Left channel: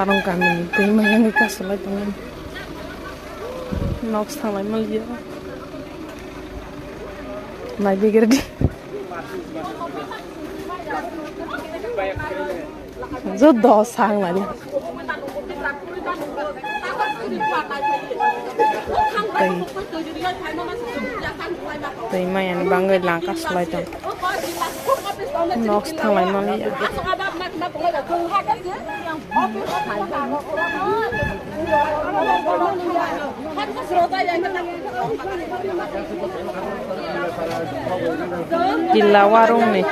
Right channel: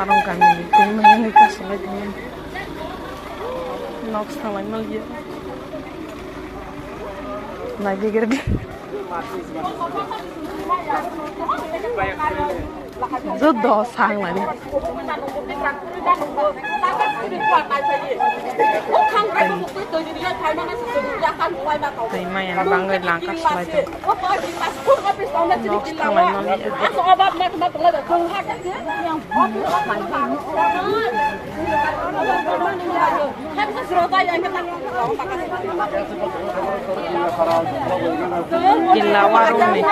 warung kami ini kasih dengan nox thalai malia lagi gerdi rất đỏ sang mà đi đây mày ăn băng người lang cắt lại thôi nó thằng này nó đi gila warung nih